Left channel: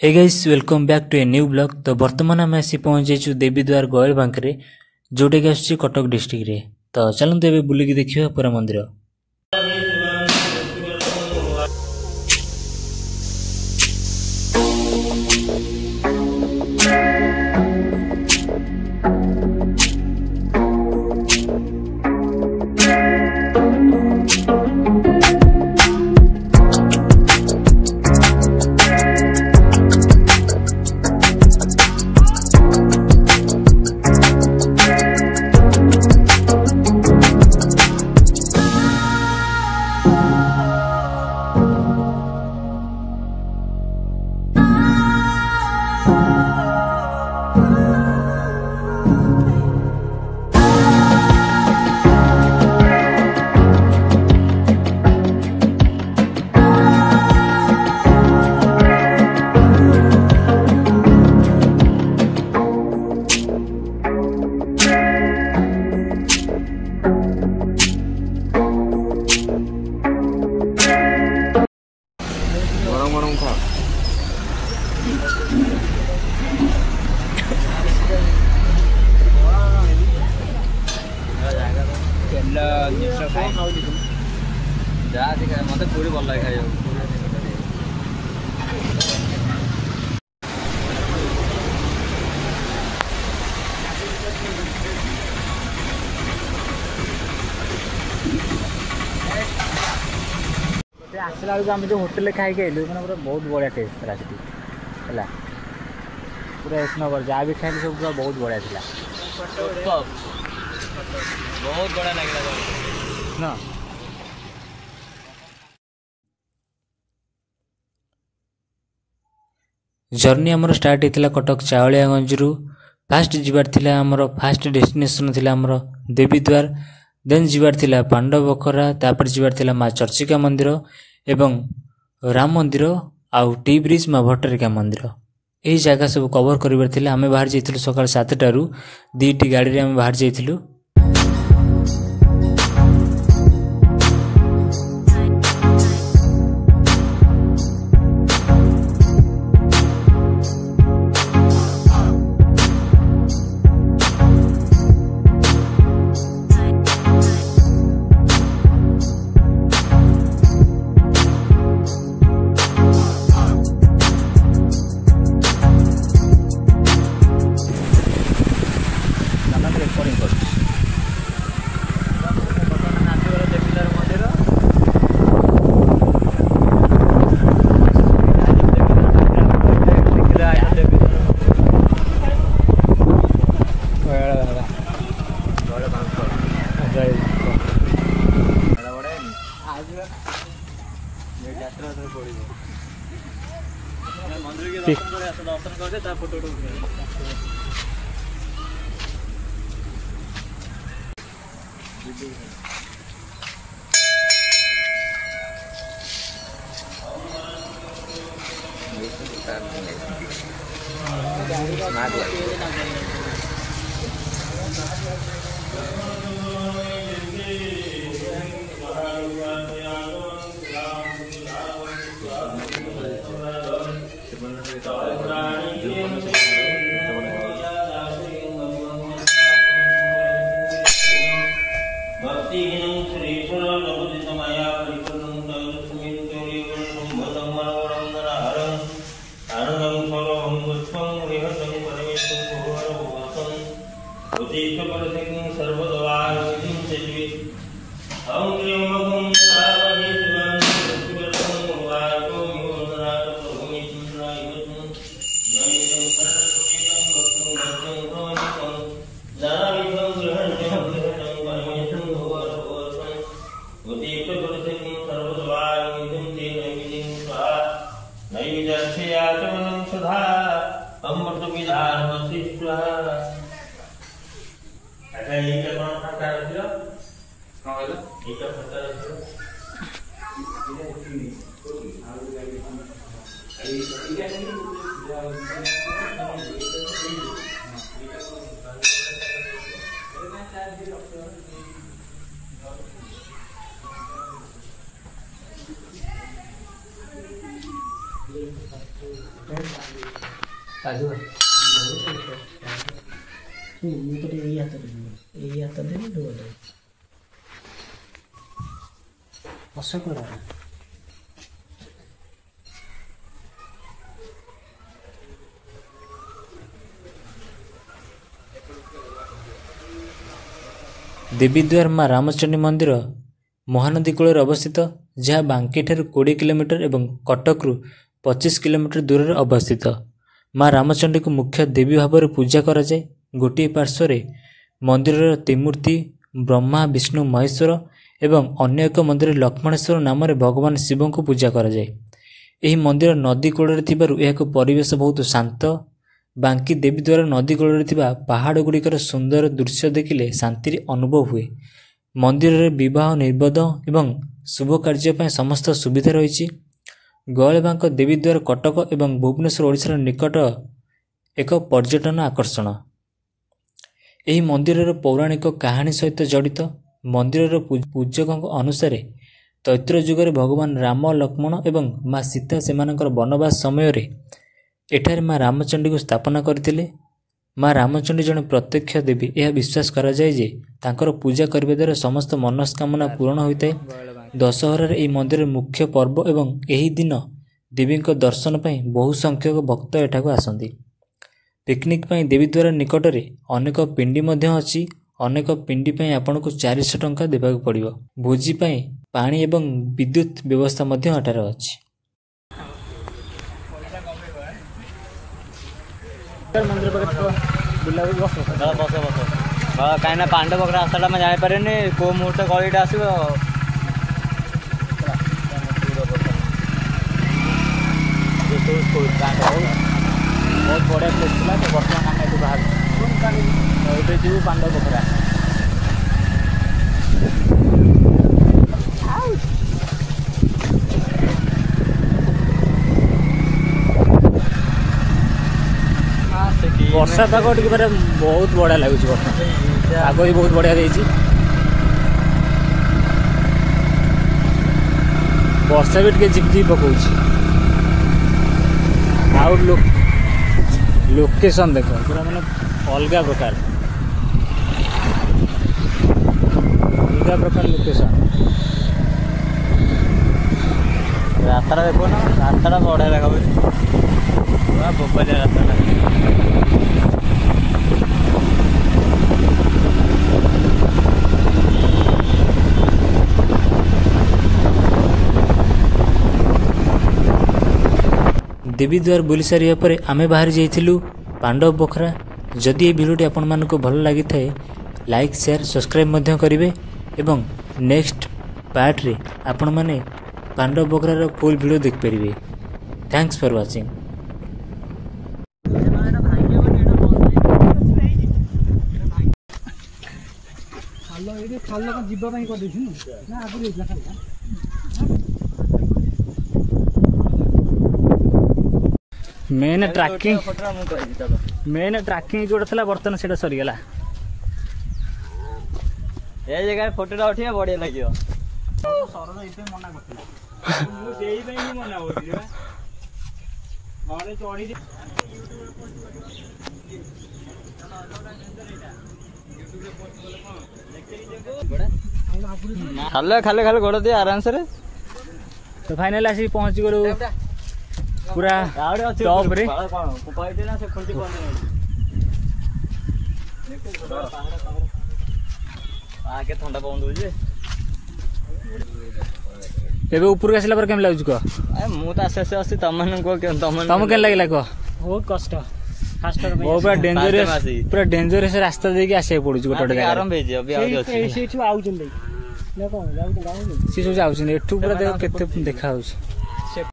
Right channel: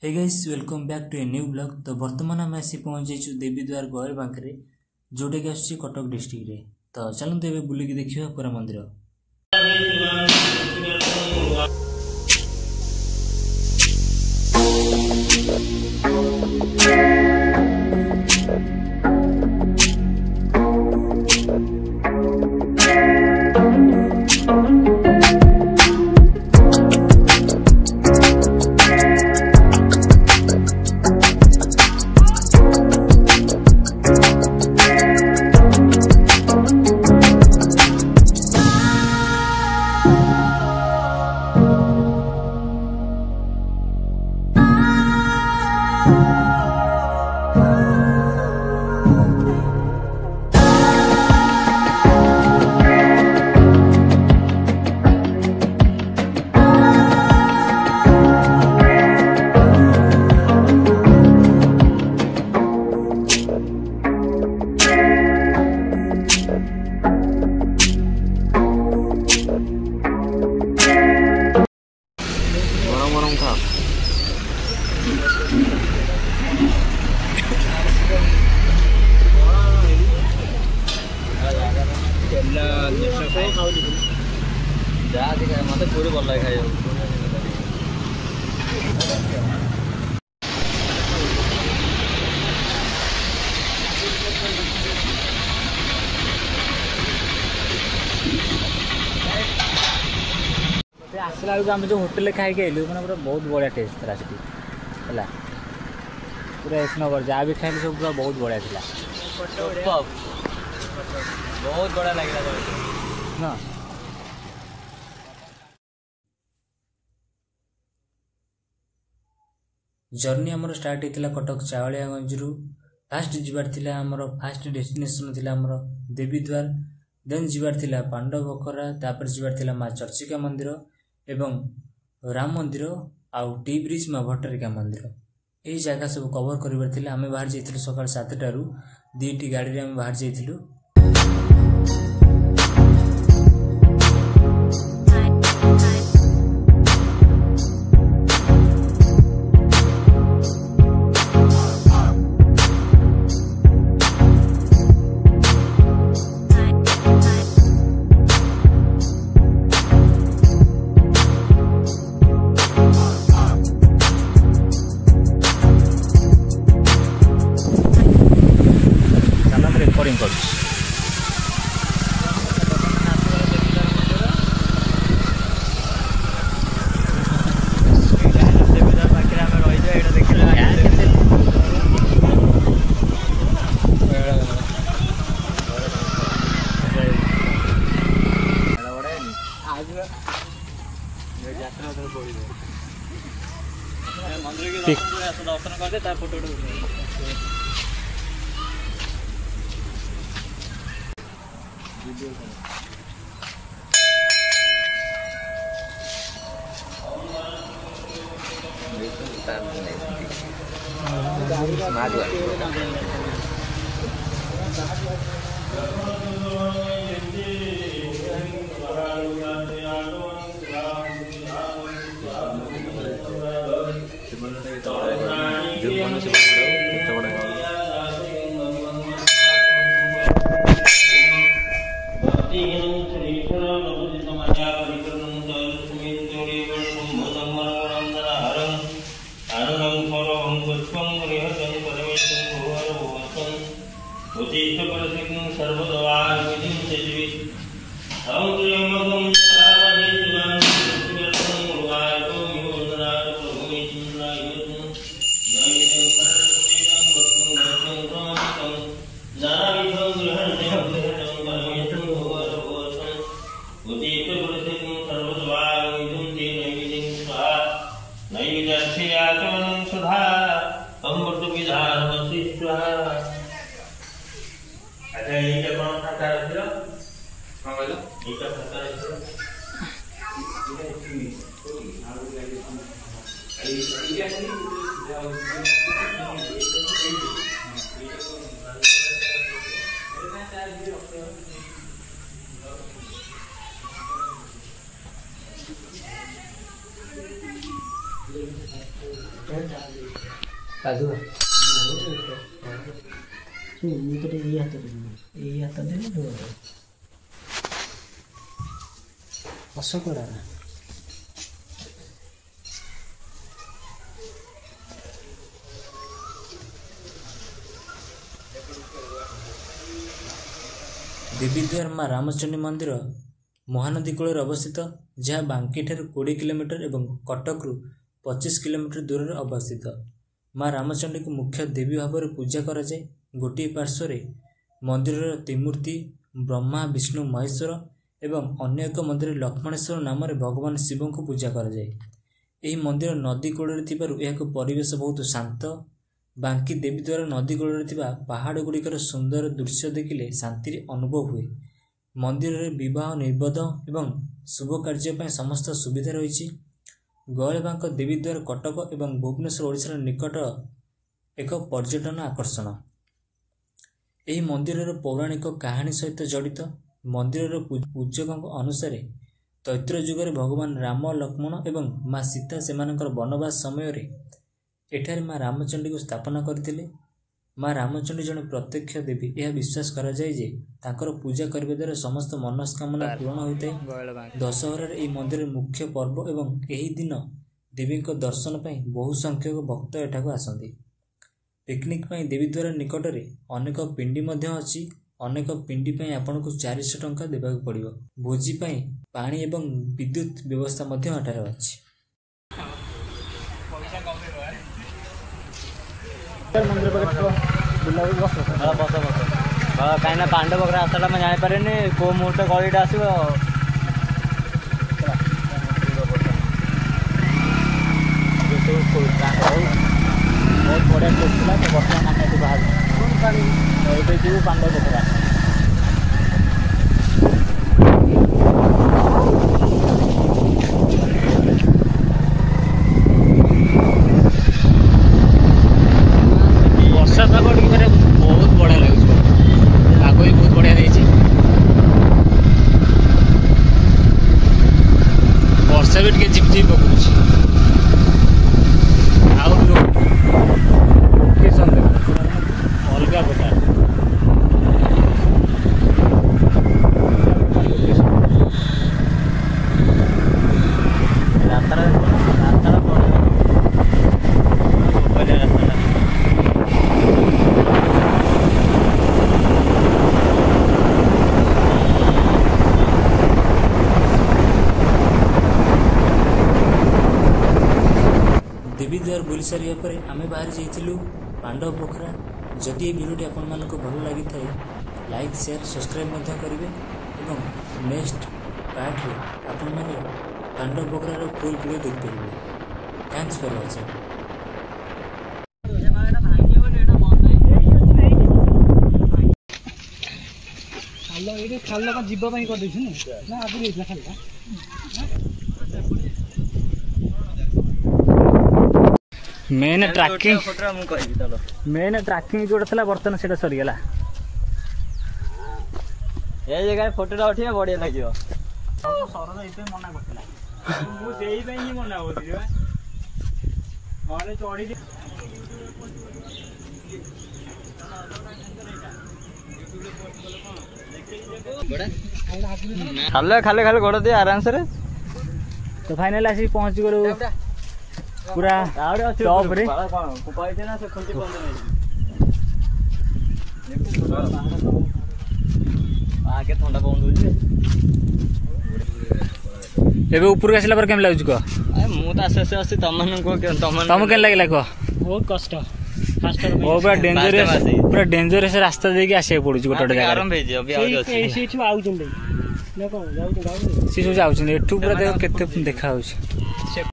Hey guys welcome back to a new blog. तो बर्तमान आम आसी पहुंची देवीद्वार गोयल बांकरे जोटा कि आस कटक डिस्ट्रिक्ट रे। तो चलते ए बुलिकी देखिए पूरा मंदिर। गरम खा मत पूरी भल लगे खाई आसला बेलू आम जो होटेल खाई आइलु मैंने पूरा बहुत बढ़िया टेस्ट था सीटी है पूरा एक नंबर जहाँ भी खाइल सब पूरा बहुत बढ़िया था बहुत बड़ा लगे ना। जर्नी आमर स्टार्ट होता कटक चावलियागंज रु। फास्ट जीवार थिला आमर फास्ट डेस्टिनेशन थिला आमर देवीद्वार, देन जीवार थिला पांडवखरा, तापर जीवार थिला माँ चर्चिका मंदिर एवं राम मंदिर आउ टी ब्रिज माँ भट्टारिका मंदिर। यही जगह सब कवर करिवार थिला। आमे बाहर जाइथिलु सकाळ 7टा रु 2टी गाड़ी रे आमे बाहर जाइथिलु। दर्शन कर फोटो देवीद्वार माँ रामचंडी मंदिर महानदी कूल अवस्थित जहाँ बांकी ठार 20 किलोमीटर एवं कटकरू 25 किलोमीटर दूर अवस्थित। माँ रामचंडी को मुख्य देवी भाव में पूजा कराए। गोटे पार्श्व मंदिर त्रिमूर्ति ब्रह्मा विष्णु महेश्वर एवं अन्य एक मंदिर लक्ष्मणेश्वर नाम भगवान शिव को पूजा कराए। यह मंदिर नदी कूल एक परिवेश बहुत शांत। बांकी देवीद्वार नदी कूल पहाड़ गुड़िकर सुंदर दृश्य देखिले शांति अनुभव हुए। मंदिर में विवाह निर्बोध एवं शुभ कार्य समस्त सुविधा रही। गौलबांक देवीद्वार कटक एवं भुवनेश्वर ओडिशार निकट एक पर्यटन आकर्षण। यह मंदिर पौराणिक कहानी सहित जड़ित। मंदिर पूजकों अनुसार तैत्र युगर भगवान राम लक्ष्मण एवं माँ सीता से वनवास समय एठारे माँ रामचंडी को स्थापना करथिले। माँ रामचंडी जड़े प्रत्यक्ष देवी यह विश्वास करा जाए जे तांकर पूजा करने द्वारा समस्त मनस्कामना पूर्ण होता है। दशहरार यह मंदिर मुख्य पर्व एवं यही दिन देवी दर्शन पर बहु संख्यक भक्त एठाकू आसती। पिकनिक पई देवीद्वार निकट में अनेक पिंडी अच्छी। अनेक पिंडी पई आपन को 400 टंका देबाक पड़िबो। भोजी पई पानी एवं विद्युत व्यवस्था एठारे अच्छी। मंदिर बुला कहीं पांडव रास्ता में जापारे कौ मुहूर्त गलीटा आस बहुत बढ़िया प्लेस था। तो बर्तमान आम ये बाहर ये पांडव पोखरा। वर्षा पाग टे मेरे बहुत बढ़िया लगुच। पाग भी बहुत बढ़िया देती। वर्षा भी झिपझिप पकाउछ। आउ लोकेशन देख पूरा मैंने अलग प्रकार लोकेशन। रास्ता देखो ना, रास्ता बढ़िया लगा बोपालिया रास्ता। देवीद्वार बुली सारिया पर आमे बाहर जाइथिलु पांडव पोखरा। जदि ये वीडियोटी आपण मानको भल लागि थाए लाइक शेयर सब्सक्राइब मध्य करिवे एवं नेक्स्ट पार्ट रे आपण माने पांडव पोखरार फुल वीडियो देख परिवे। Thanks for watching. खाल जीव कर मेन ट्रैकिंग जोड़ा था बर्तन से सरीगला। ये जगह फोटोटा उठा बढ़िया लगे। मना खाले खाले खाले गोड़ दिए आराम से। तो फाइनल आसी पहुंच गलु पूरा टॉप रे। आके ठंडा पवन दउजी। एबे ऊपर आसला पर केम लागु को? मु त आसे आसे तमन को तम केन लागला को? बहुत कष्ट फास्टर में। ओ पूरा डेंजरस रास्ता देके आसे पड़ुछ गोटे जगह। आराम भेज अभी आ सी सब जाउछन एठू पूरा देखो केते देखा होछ।